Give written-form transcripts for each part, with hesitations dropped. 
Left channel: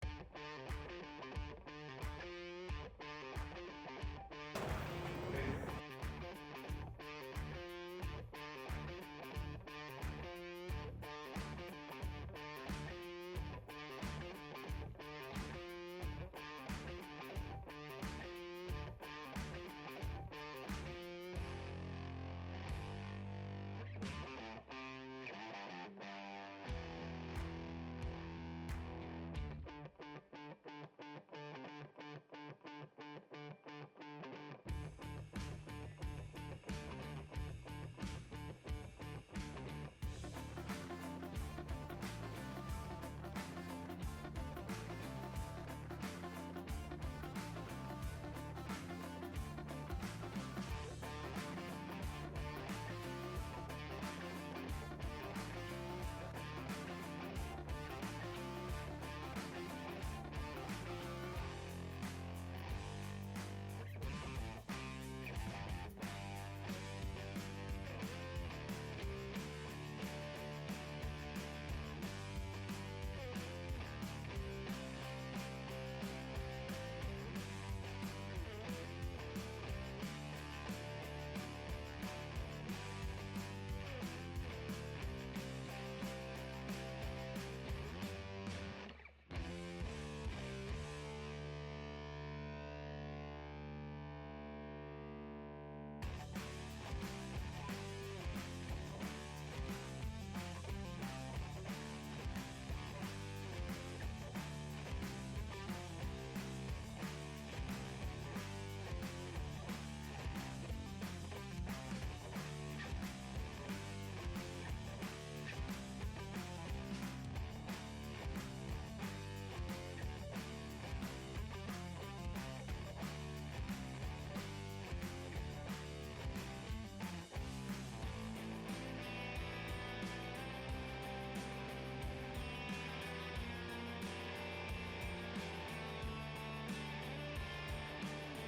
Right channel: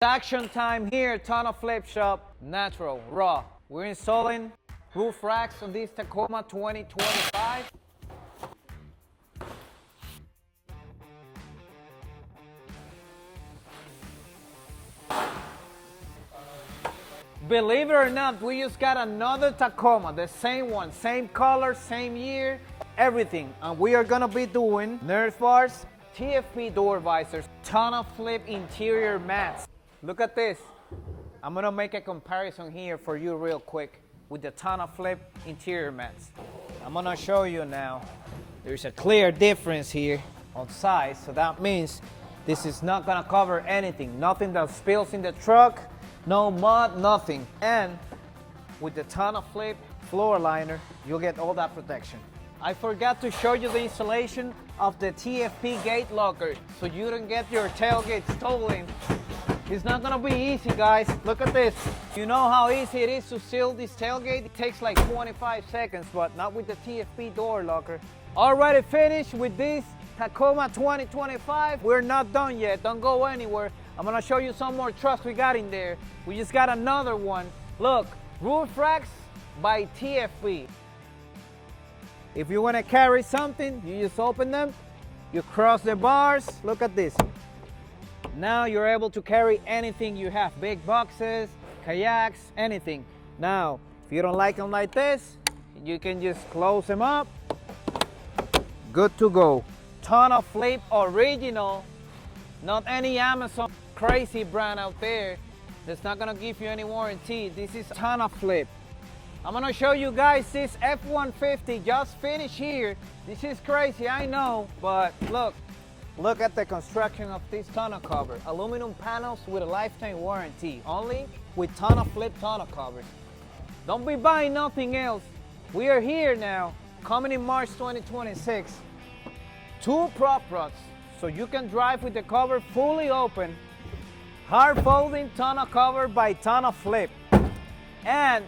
Action time here at TonnoFlip Shop. Natural, raw. We're installing roof racks on this Tacoma 2025. Believe it or not, we just got another Tacoma, the same one, same color, same year, everything. And we are gonna be doing Nerf bars, TFP door visors, TonnoFlip interior mats. Look at this. I'm gonna make a comparison here for you real quick with the TonnoFlip interior mats. I'm gonna show you now. There's a clear difference here on size, so that means this is not gonna cover anything. Nothing that spills in the truck, no mud, nothing. And with the TonnoFlip floor liner, you'll get all that protection. I forgot to show you the installation of the TFP gate locker so you don't get your tailgate stolen. It's not gonna be easy, guys. Look at this. You know how easy it is to seal this tailgate? It takes like 25 seconds, but not with the TFP door locker. Already finished with this Tacoma 2025. We're not done yet. Don't go anywhere. I'm gonna show you some more trucks we got in there. We just got another one. Look, roof racks by TFP. If you wanna carry something, you just open them, you cross the bars. Look at this. Now you're able to carry anything you have, big boxes, kayaks, anything. Now, if you don't like them like this, you can just close them up. Good to go. TonnoFlip original, not any Amazon crazy brand out there that's not gonna give you any warranty. This is TonnoFlip. I'm gonna show you guys this F-150 just finished here. This is crazy, I know, but look at the construction of this tonneau cover. Aluminum panels with a lifetime warranty, only with TonnoFlip tonneau covers. Don't be buying nothing else. We are here now, coming in March 2026. 2 prop trucks, so you can drive with the cover fully open. Hard folding tonneau cover by TonnoFlip. And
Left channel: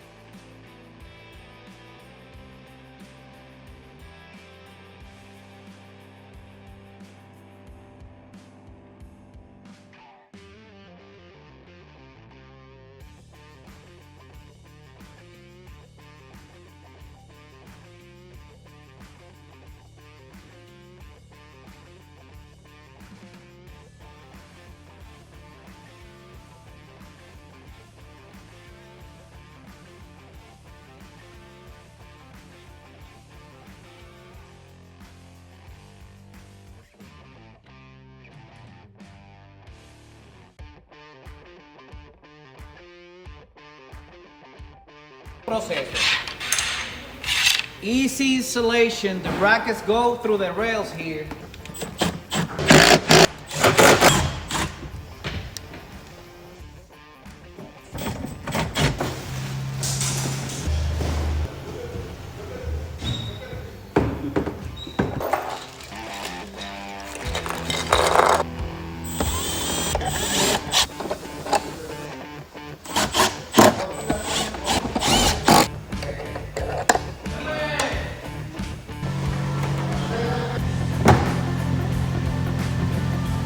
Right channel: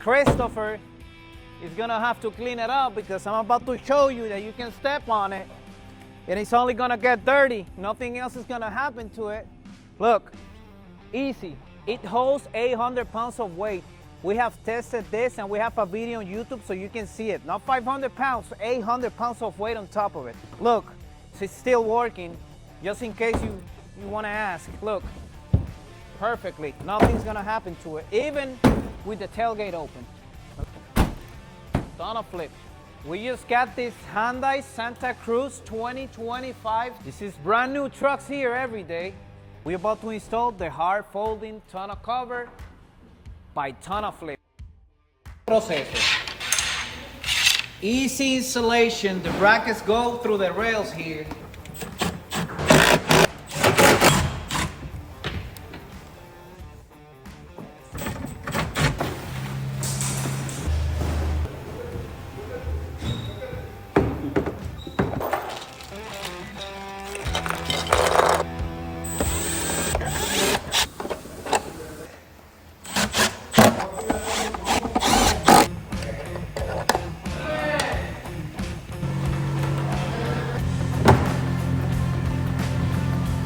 Christopher is gonna have to clean it up because I'm about to show you that you can step on it and it's only gonna get dirty. Nothing else is gonna happen to it. Look, easy. It holds 800 pounds of weight. We have tested this and we have a video on YouTube so you can see it. Not 500 pounds, 800 pounds of weight on top of it. Look, it's still working, just in case you wanna ask. Look, perfectly. Nothing's gonna happen to it, even with the tailgate open. TonnoFlip. We just got this Hyundai Santa Cruz 2025. This is brand new trucks here every day. We're about to install the hard folding tonneau cover by TonnoFlip. Process. Easy installation. The brackets go through the rails here.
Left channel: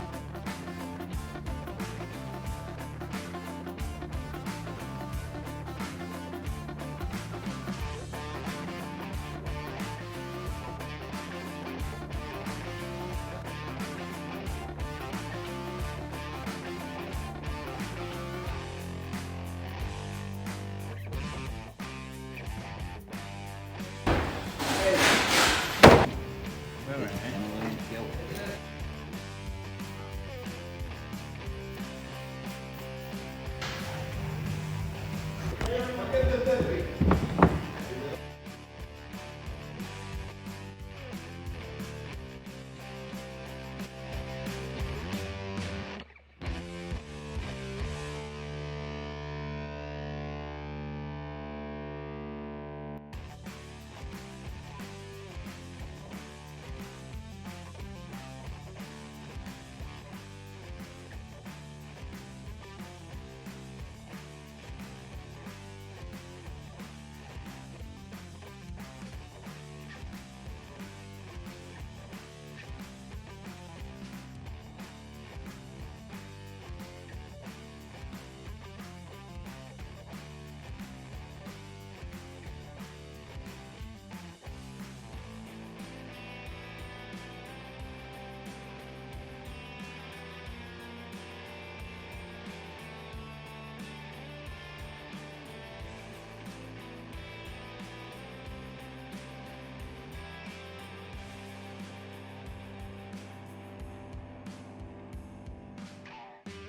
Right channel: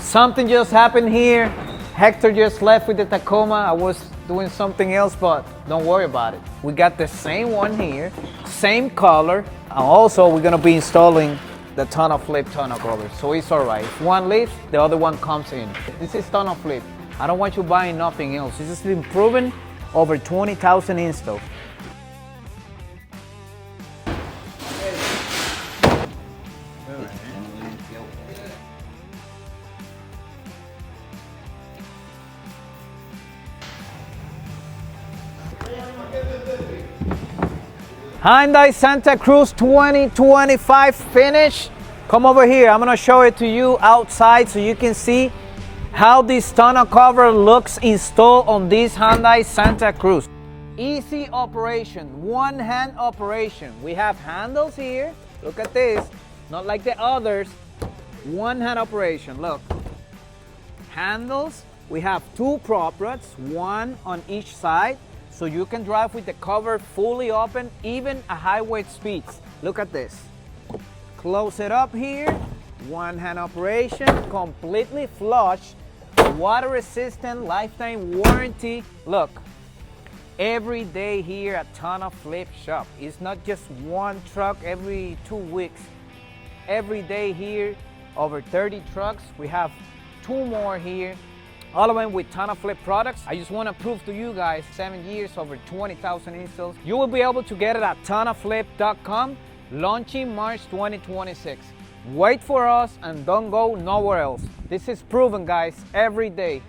Something just happened here. Hector just left with the Tacoma. I was doing something else, but don't worry about it. We got the same one here, same color. And also, we're gonna be installing the TonnoFlip tonneau cover, so it's all right. If one leaves, the other one comes in. This is TonnoFlip. I don't want you buying nothing else. This has been proven over 20,000 installs. Hyundai Santa Cruz 2025 finish. Come over here. I'm gonna show it to you outside so you can see how this tonneau cover looks installed on this Hyundai Santa Cruz. Easy operation, one-hand operation. We have handles here. Look at this. Not like the others. One-hand operation. Look. Handles. We have 2 prop rods, 1 on each side. So you can drive with the cover fully open, even at highway speeds. Look at this. Close it up here. One hand operation, completely flush. water resistant, lifetime warranty. Look, every day here at TonnoFlip Shop. It's not just one truck every 2 weeks. Every day here, over 30 trucks. We have 2 more here, all of them with TonnoFlip products. I just want to prove to you guys, 7 years, over 20,000 installs. You will be able to get it at TonnoFlip.com, launching March 2026. Wait for us and don't go nowhere else. This is proven, guys, every day.